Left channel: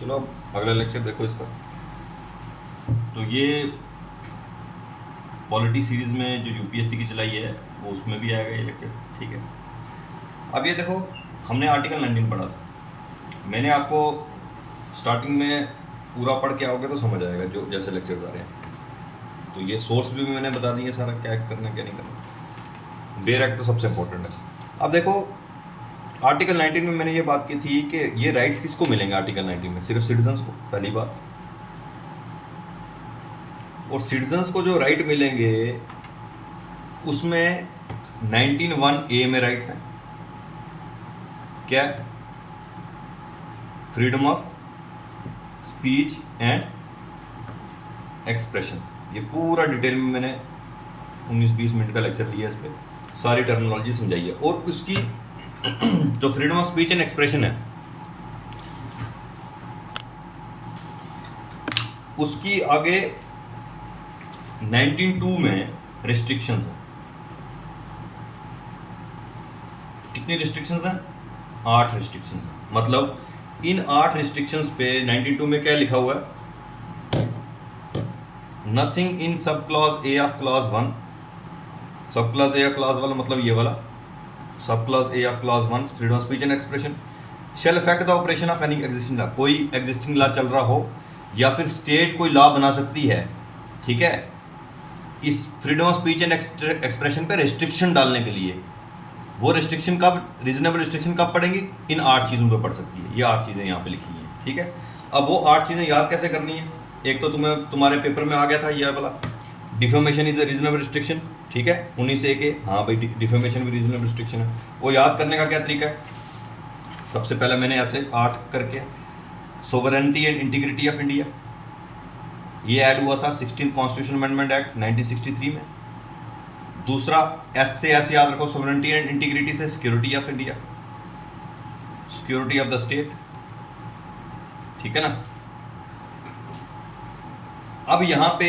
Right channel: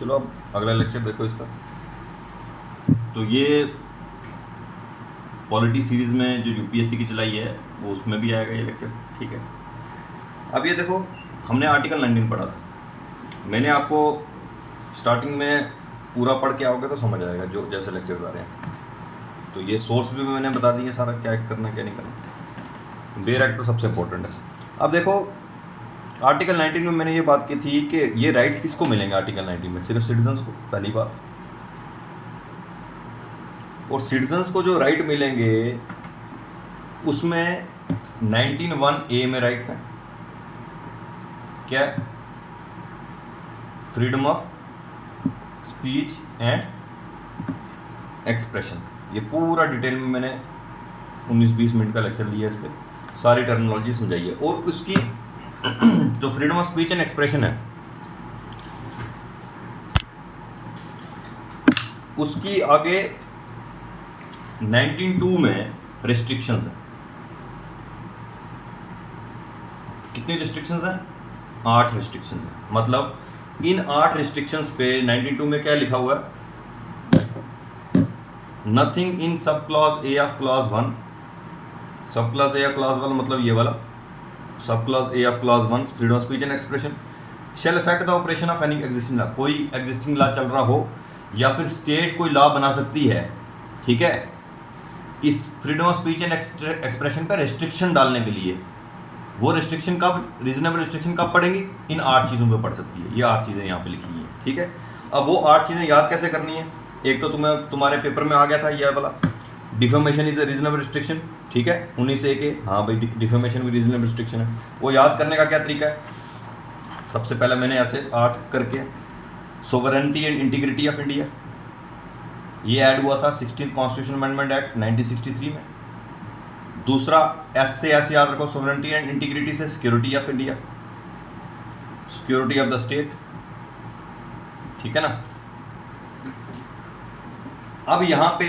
चलो अब अगला लेक्चर देखो इसका। तो ये पॉलिटी सीरीज़ में जो यूपीएससी की चलाई है वो उसमें भी आएगा ये लेक्चर, ठीक है। अब ये देखो, हमने आर्टिकल 19 पढ़ा था। मैंने आपको स्टार्टिंग में पूरा पढ़ के आओगे तो समझ आएगा जो जैसे लेक्चर्स आ रहे हैं। तो ये सोर्स भी मैंने बता दिए सारा, क्या करना क्या नहीं करना। बेयर एक्ट तो सबसे इम्पोर्टेंट है। अब देखो आर्टिकल 19 में मैंने ये बात की थी कि ये राइट्स किसको मिलेंगे आर्टिकल 19 में, सिर्फ सिटीजन्स को, पहली बात। और सिटीजन्स को जो राइट मिलेंगे उसमें 19(1)(a) में राइट्स हैं। क्या? Freedom of speech and expression. ये पूरा डिटेल में मैंने 19-20 मिनट का लेक्चर लिया, इस पर सारी टर्मिनोलॉजी समझाई है। और उसकी जो freedom of speech and expression है उसकी आगे 19(2) में रिस्ट्रिक्शंस हैं। कितनी रिस्ट्रिक्शंस हैं? 8 रिस्ट्रिक्शंस हैं। मतलब इन 8 रिस्ट्रिक्शंस पे 19(2) में क्या लिखा हुआ है? नथिंग इन सब क्लॉज ए ऑफ क्लॉज 1, सब क्लॉज ए ऑफ क्लॉज 1 मतलब ये वाला, सब clause a of clause 1 freedom of speech and expression shall affect the operation of any existing law. कोई एग्जिस्टिंग लॉ चल रहा हो या फिर स्टेट कोई लॉ बना सकती है, ठीक है, इस freedom of speech and expression पे रिस्ट्रिक्शन डालने के लिए। वो रिस्ट्रिक्शन कब, रीजनेबल रिस्ट्रिक्शन कब पड़ेंगी? इन 8 चीज़ों पे पड़ सकती है। ये 8 चीज़ें यहाँ पे लिखी हैं, ठीक है। अब वो 8 चीज़ें याद कैसे करनी है? एक तो तुम्हारे पेपर में आ गया था ये वाला, defamation is a reasonable restriction, ठीक है, 19(a) के। हाँ भाई, डिफेमेशन भी रीजनेबल रिस्ट्रिक्शन है। वो याद करने का क्या तरीका है? सबसे पहले मैंने ऐसे 8 करके, sovereignty and integrity of India, ये ऐड हुआ था 16th कॉन्स्टिट्यूशन अमेंडमेंट एक्ट 1963 में। दूसरा एस से ऐसे याद रखो, सोवरेनिटी एंड इंटीग्रिटी से security of India, security of the state, ठीक है ना। अब यहां पे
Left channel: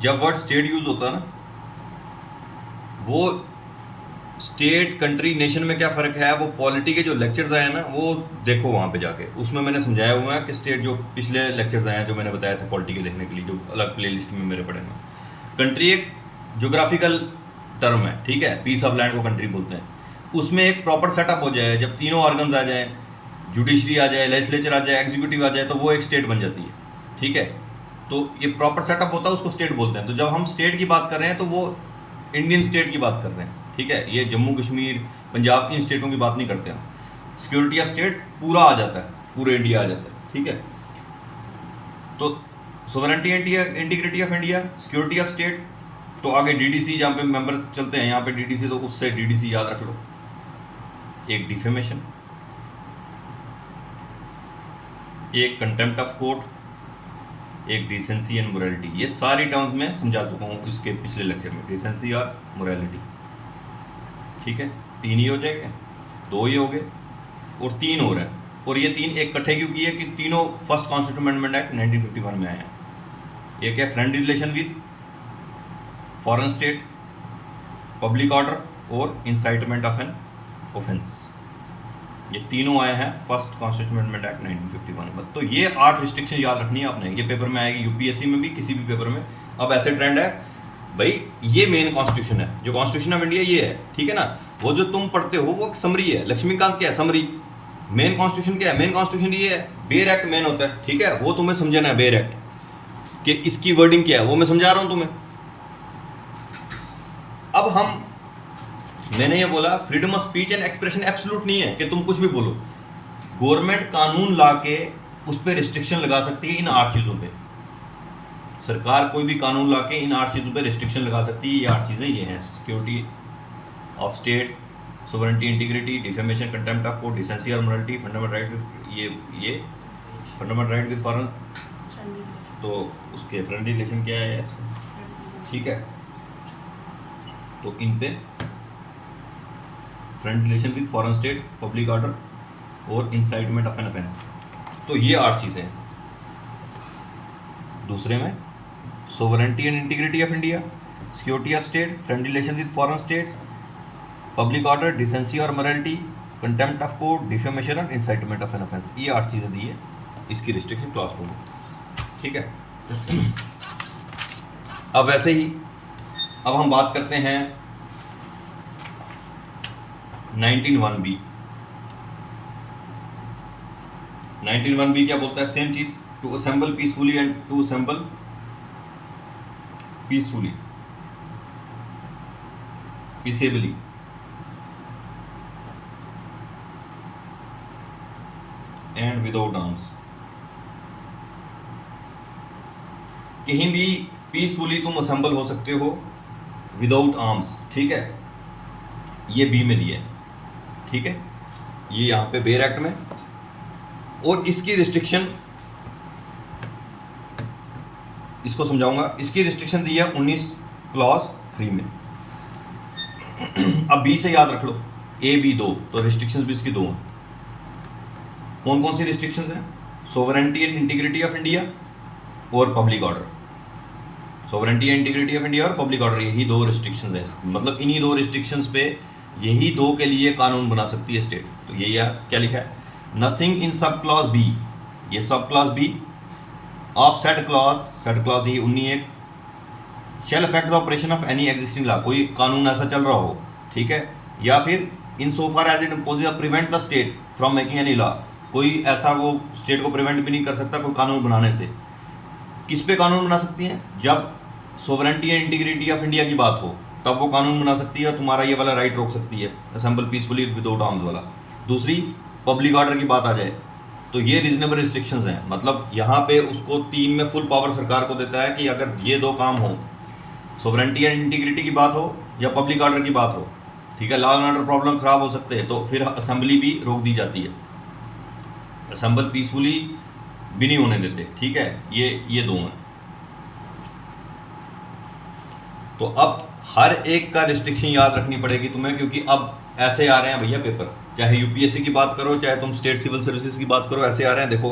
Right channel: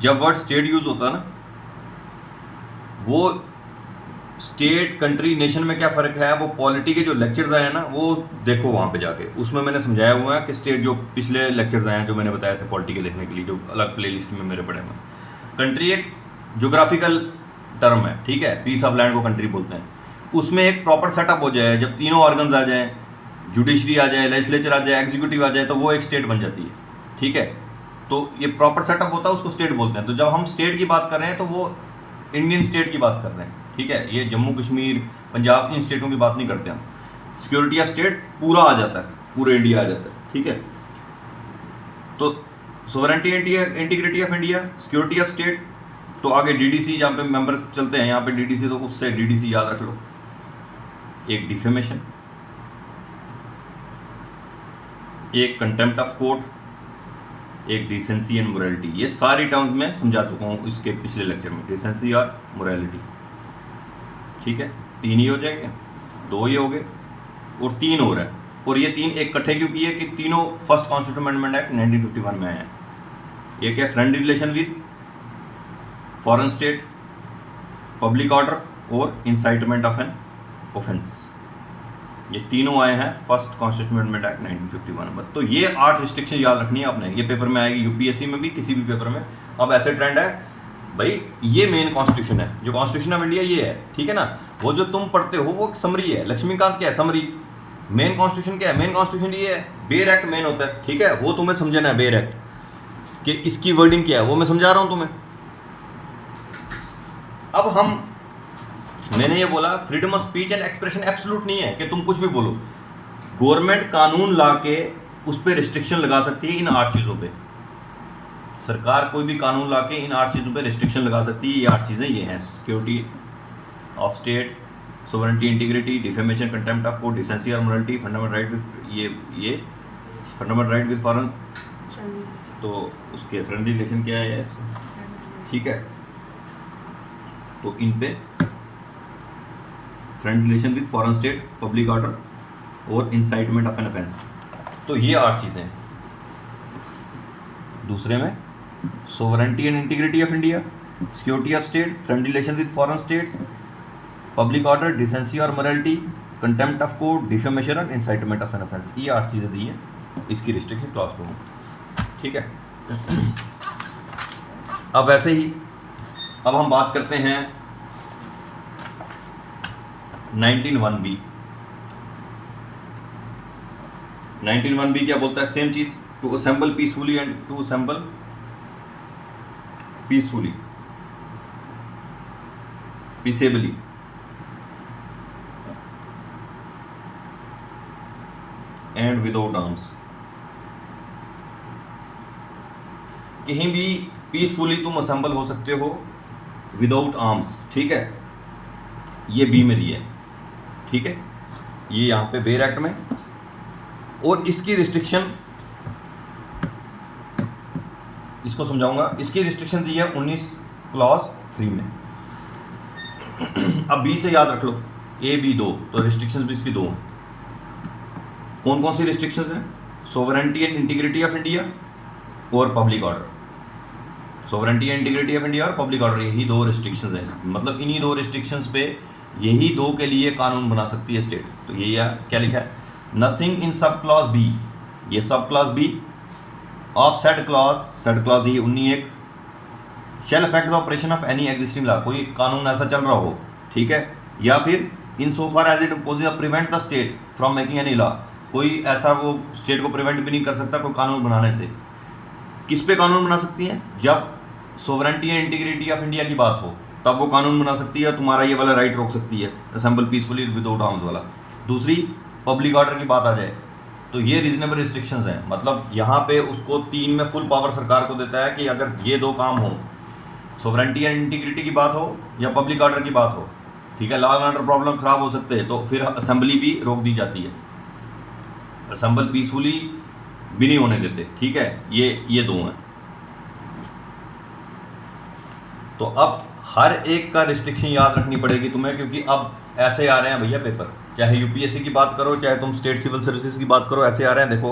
जब वर्ड स्टेट यूज होता है ना, वो स्टेट, कंट्री, नेशन में क्या फ़र्क है, वो पॉलिटी के जो लेक्चर्स आए हैं ना, वो देखो वहाँ पे जाके, उसमें मैंने समझाया हुआ है कि स्टेट, जो पिछले लेक्चर्स आए हैं जो मैंने बताया था पॉलिटी के देखने के लिए, जो अलग प्लेलिस्ट में मेरे पड़े हुए। कंट्री एक ज्योग्राफिकल टर्म है, ठीक है, पीस ऑफ लैंड को कंट्री बोलते हैं। उसमें एक प्रॉपर सेटअप हो जाए, जब तीनों ऑर्गन्स आ जाएँ, जुडिशरी आ जाए, लेजिस्लेचर आ जाए, एग्जीक्यूटिव आ जाए, तो वो एक स्टेट बन जाती है, ठीक है। तो ये प्रॉपर सेटअप होता है, उसको स्टेट बोलते हैं। तो जब हम स्टेट की बात कर रहे हैं तो वो इंडियन स्टेट की बात कर रहे हैं, ठीक है। ये जम्मू कश्मीर, पंजाब, इन स्टेटों की बात नहीं करते हम। सिक्योरिटी ऑफ स्टेट पूरा आ जाता है, पूरे इंडिया आ जाता है, ठीक है। तो sovereignty integrity of India, security of state, तो आगे डीडीसी जहाँ पे मेंबर्स चलते हैं, यहाँ पे डीडीसी, तो उससे डीडीसी याद रख लो। एक डिफेमेशन, एक कंटेम्प्ट ऑफ कोर्ट, एक डिसेंसी एंड मोरालिटी। ये सारी टर्म्स में समझा चुका हूँ इसके पिछले लेक्चर में, डिसेंसी और मोरालिटी, ठीक है। 3 ही हो जाएंगे, 2 ही हो गए और 3 हो रहे हैं। और ये 3 एक इकट्ठे क्यों किए कि तीनों फर्स्ट कॉन्स्टिट्यूशन अमेंडमेंट एक्ट 1951 में आए हैं। एक है friendly relation with foreign state, public order और इंसाइटमेंट ऑफ एन ऑफेंस। ये तीनों आए हैं फर्स्ट कॉन्स्टिट्यूशन अमेंडमेंट एक्ट 1951 में। तो ये 8 रिस्ट्रिक्शन याद रखनी है आपने, ये पेपर में आएगी, यूपीएससी में भी, किसी भी पेपर में। अब ऐसे ट्रेंड है भाई, ये मेन कॉन्स्टिट्यूशन है, जो कॉन्स्टिट्यूशन ऑफ इंडिया ये है, ठीक है ना। वो जो तुम पढ़ते हो वो समरी है, लक्ष्मीकांत क्या है, समरी। मेन कॉन्स्टिट्यूशन क्या है? मेन कॉन्स्टिट्यूशन ये है, बेयर एक्ट मेन होता है, ठीक है। वो तुम्हें समझना है, बेयर एक्ट कि इसकी वर्डिंग क्या है, वो मैं समझा रहा हूं तुम्हें। अब मैंने ये बोला freedom of speech and expression absolute नहीं है कि तुम कुछ भी बोलो। गवर्नमेंट कानून ला के उस पर रिस्ट्रिक्शन लगा सकती है इन 8 चीज़ों पे। सरकार कोई भी कानून ला के इन 8 चीज़ों पे रिस्ट्रिक्शन लगा सकती है। ये 8 चीज़ें ये हैं, security of state, sovereignty integrity, defamation, contempt of court, decency और मोरालिटी, फंडामेंटल राइट विद ये फंडामेंटल राइट विद फॉरेन, तो उसके फ्रेंडली रिलेशन क्या है इसको, ठीक है। तो इन पे friend relation with foreign state, public order और इंसाइटमेंट ऑफ एन ऑफेंस। तो ये 8 चीज़ें हैं। दूसरे में sovereignty and integrity of India, security of state, friend relation with foreign states, public order, decency और morality, contempt of court, defamation और incitement of an offence, ये 8 चीज़ें दी हैं इसकी रिस्ट्रिक्शन क्लॉज 2 में, ठीक है। अब वैसे ही अब हम बात करते हैं 19(1)(b). 19(1)(b) क्या बोलता है? सेम चीज, to assemble peacefully and to assemble peacefully, peaceably, and without arms. कहीं भी पीसफुली तुम असेंबल हो सकते हो विदाउट आर्म्स, ठीक है, ये बी में दिया है, ठीक है, ये यहां पे बेयर एक्ट में। और इसकी रिस्ट्रिक्शन, इसको समझाऊंगा, इसकी रिस्ट्रिक्शन दी है 19 क्लॉज 3 में। अब बी से याद रख लो, ए बी 2, तो रिस्ट्रिक्शंस भी इसकी 2 हैं। कौन कौन सी रिस्ट्रिक्शंस हैं? Sovereignty and integrity of India और public order. Sovereignty and integrity of India और पब्लिक ऑर्डर, यही 2 रिस्ट्रिक्शंस हैं। मतलब इन्हीं 2 रिस्ट्रिक्शंस पे यही 2 के लिए कानून बना सकती है स्टेट। तो यही क्या लिखा है? नथिंग इन सब क्लॉज बी, ये सब clause B of set clause ये 19(1) shall affect the operation of any existing law, कोई कानून ऐसा चल रहा हो, ठीक है, या फिर in so far as it imposes prevent the state from making any law, कोई ऐसा वो स्टेट को प्रिवेंट भी नहीं कर सकता कोई कानून बनाने से। किस पे कानून बना सकती हैं? जब sovereignty and integrity of India की बात हो तब वो कानून बना सकती है, तुम्हारा ये वाला राइट रोक सकती है, असेंबल पीसफुली विदाउट आर्म्स वाला। दूसरी, पब्लिक ऑर्डर की बात आ जाए तो ये रीजनेबल रिस्ट्रिक्शंस हैं। मतलब यहाँ पे उसको 3 में फुल पावर सरकार को देता है कि अगर ये 2 काम हो, सोवरेनिटी एंड इंटीग्रिटी की बात हो या पब्लिक ऑर्डर की बात हो, ठीक है, लॉ एंड ऑर्डर प्रॉब्लम खराब हो सकते हैं, तो फिर असेंबली भी रोक दी जाती है, असेंबल पीसफुली भी नहीं होने देते, ठीक है, ये 2 हैं। तो अब हर एक का रिस्ट्रिक्शन याद रखनी पड़ेगी तुम्हें, क्योंकि अब ऐसे आ रहे हैं भैया पेपर, चाहे यूपीएससी की बात करो चाहे तुम स्टेट सिविल सर्विसेज की बात करो, ऐसे आ रहे हैं। देखो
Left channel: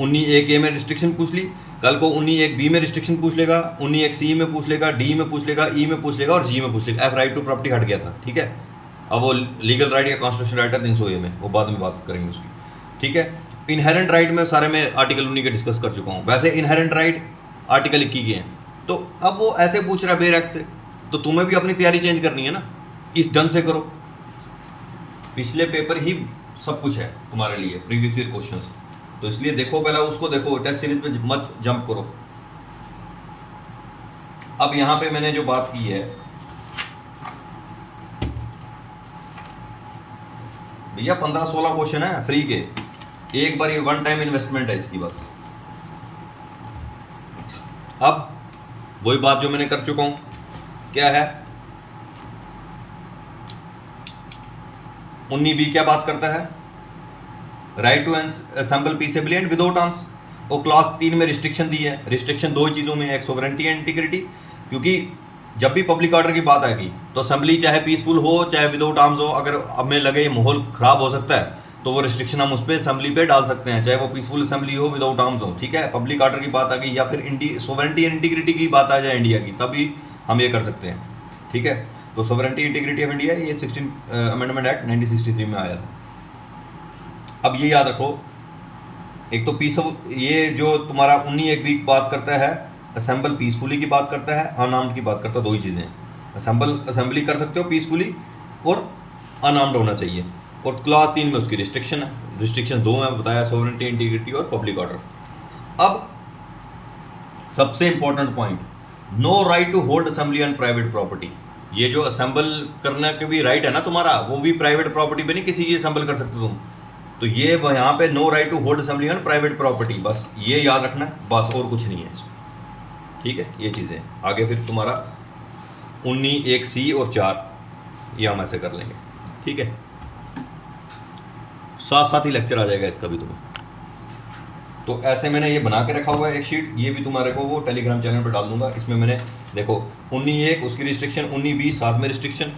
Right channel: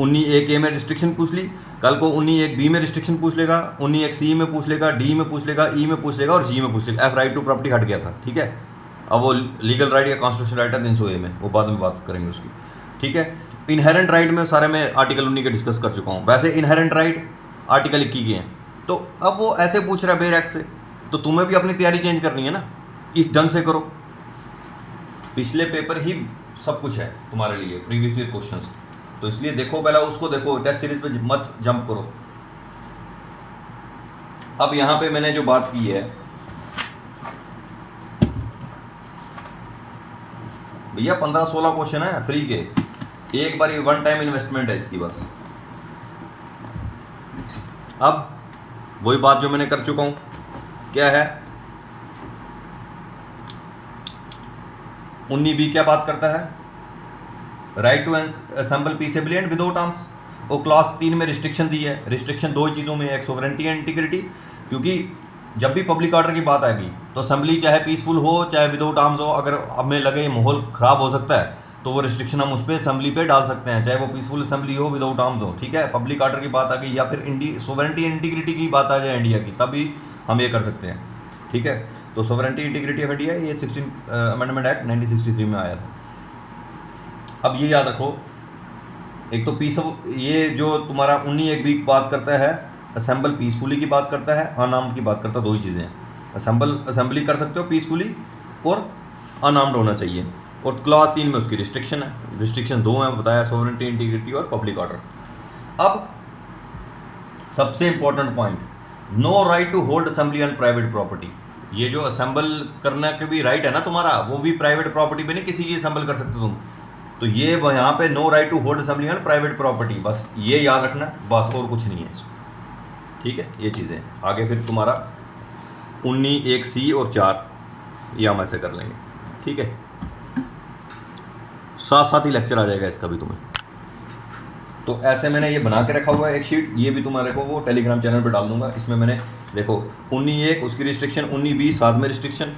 19(1)(a) में रिस्ट्रिक्शन पूछ ली, कल को 19(1)(b) में रिस्ट्रिक्शन पूछ लेगा, 19(1)(c) में पूछ लेगा, डी में पूछ लेगा, ई में पूछ लेगा और जी में पूछ लेगा। एफ राइट टू प्रॉपर्टी हट गया था, ठीक है, अब वो लीगल राइट या कॉन्स्टिट्यूशनल राइट है 300(a) में, वो बाद में बात करेंगे उसकी, ठीक है। इनहेरेंट राइट में सारे में आर्टिकल 19 के डिस्कस कर चुका हूँ। वैसे इनहेरेंट राइट आर्टिकल 21 के हैं, तो अब वो ऐसे पूछ रहा है बेयर एक्ट से, तो तुम्हें भी अपनी तैयारी चेंज करनी है ना, इस ढंग से करो। पिछले पेपर ही सब कुछ है तुम्हारे लिए, प्रीवियस ईयर क्वेश्चंस, तो इसलिए देखो, पहला उसको देखो, टेस्ट सीरीज पे मत जंप करो। अब यहां पे मैंने जो बात की है भैया 15-16 क्वेश्चन है फ्री के, एक बार ये 1 टाइम इन्वेस्टमेंट है इसकी बस। अब वही बात जो मैंने कर चुका हूं, क्या है 19(b) क्या बात करता है? Right to assemble peaceably and without arms. वो क्लॉज 3 में रिस्ट्रिक्शन दी है। रिस्ट्रिक्शन 2 चीज़ों में, एक सोवरेनिटी एंड इंटीग्रिटी, क्योंकि जब भी पब्लिक ऑर्डर की बात आएगी तो असेंबली चाहे पीसफुल हो चाहे विदाउट आर्म्स हो, अगर हमें लगे ये माहौल ख़राब हो सकता है तो वो रिस्ट्रिक्शन हम उस पर असेंबली पे डाल सकते हैं, चाहे वो पीसफुल असेंबली हो विदाउट आर्म्स हो, ठीक है। पब्लिक ऑर्डर की बात आ गई या फिर सोवरेनिटी एंड इंटीग्रिटी की बात आ जाए इंडिया की, तभी हम ये कर सकते हैं, ठीक है। तो सोवरेनिटी इंटीग्रिटी ऑफ इंडिया ये 16 अमेंडमेंट एक्ट 1963 में आया था। अब ये याद रखो, एक तो पीस ये जो तुम्हारा 19(1)(b) की बात करता है, असेंबल पीसफुली की बात करता है, अनआर्म्ड की बात करता है। 2 ही चीज़ें हैं, असेंबली कर सकते हो पीसफुली और अनआर्म्ड होना चाहिए। और क्लॉज 3 में उसकी रिस्ट्रिक्शन है, रिस्ट्रिक्शन 2 हैं बताया, सोवरेनिटी इंटीग्रिटी और पब्लिक ऑर्डर। अब सबसे important point, no right to hold assembly on private property. ये जो असेंबल करने के भी राइट है ना तुम्हारा, वो भी प्राइवेट प्रॉपर्टी पे नहीं किसी की असेंबल कर सकते तुम। तो ये यहाँ पे no right to hold assembly on private property, बस ये याद रखना, बस और कुछ नहीं है, ठीक है। ये चीज़ें आगे फिर तुम्हारा 19(1)(c) और 4 ये हम ऐसे कर लेंगे, ठीक है। साथ साथ ही लेक्चर आ जाएगा इसका भी तुम्हें। तो ऐसे मैंने ये बना के रखा हुआ है एक शीट, ये भी तुम्हारे को वो टेलीग्राम चैनल पर डाल दूंगा। इसमें मैंने देखो 19(1) उसकी रिस्ट्रिक्शन, 19(b) साथ में रिस्ट्रिक्शन,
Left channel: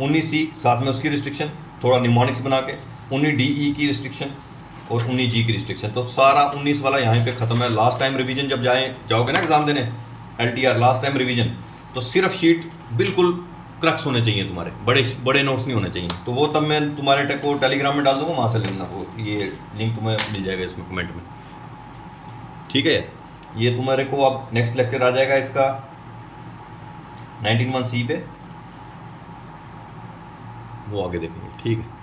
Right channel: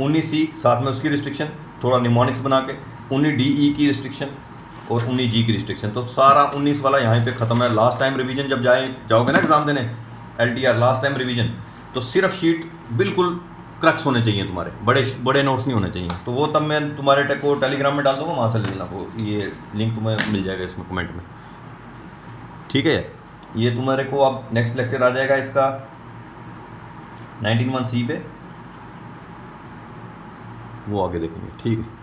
19(c) साथ में उसकी रिस्ट्रिक्शन, थोड़ा निमोनिक्स बना के 19(d)(e) की रिस्ट्रिक्शन और 19(g) की रिस्ट्रिक्शन। तो सारा 19 वाला यहाँ पे खत्म है। लास्ट टाइम रिवीजन जब जाओगे ना एग्जाम देने, LTR लास्ट टाइम रिवीजन, तो सिर्फ शीट बिल्कुल क्रक्स होने चाहिए तुम्हारे, बड़े बड़े नोट्स नहीं होने चाहिए। तो वो तब मैं तुम्हारे को टेलीग्राम में डाल दूंगा, वहाँ से ले लेना, वो ये लिंक तुम्हें मिल जाएगा इसमें कमेंट में, ठीक है। ये तुम्हारे को अब नेक्स्ट लेक्चर आ जाएगा इसका 19(1) सी पे, वो आगे देखेंगे, ठीक है।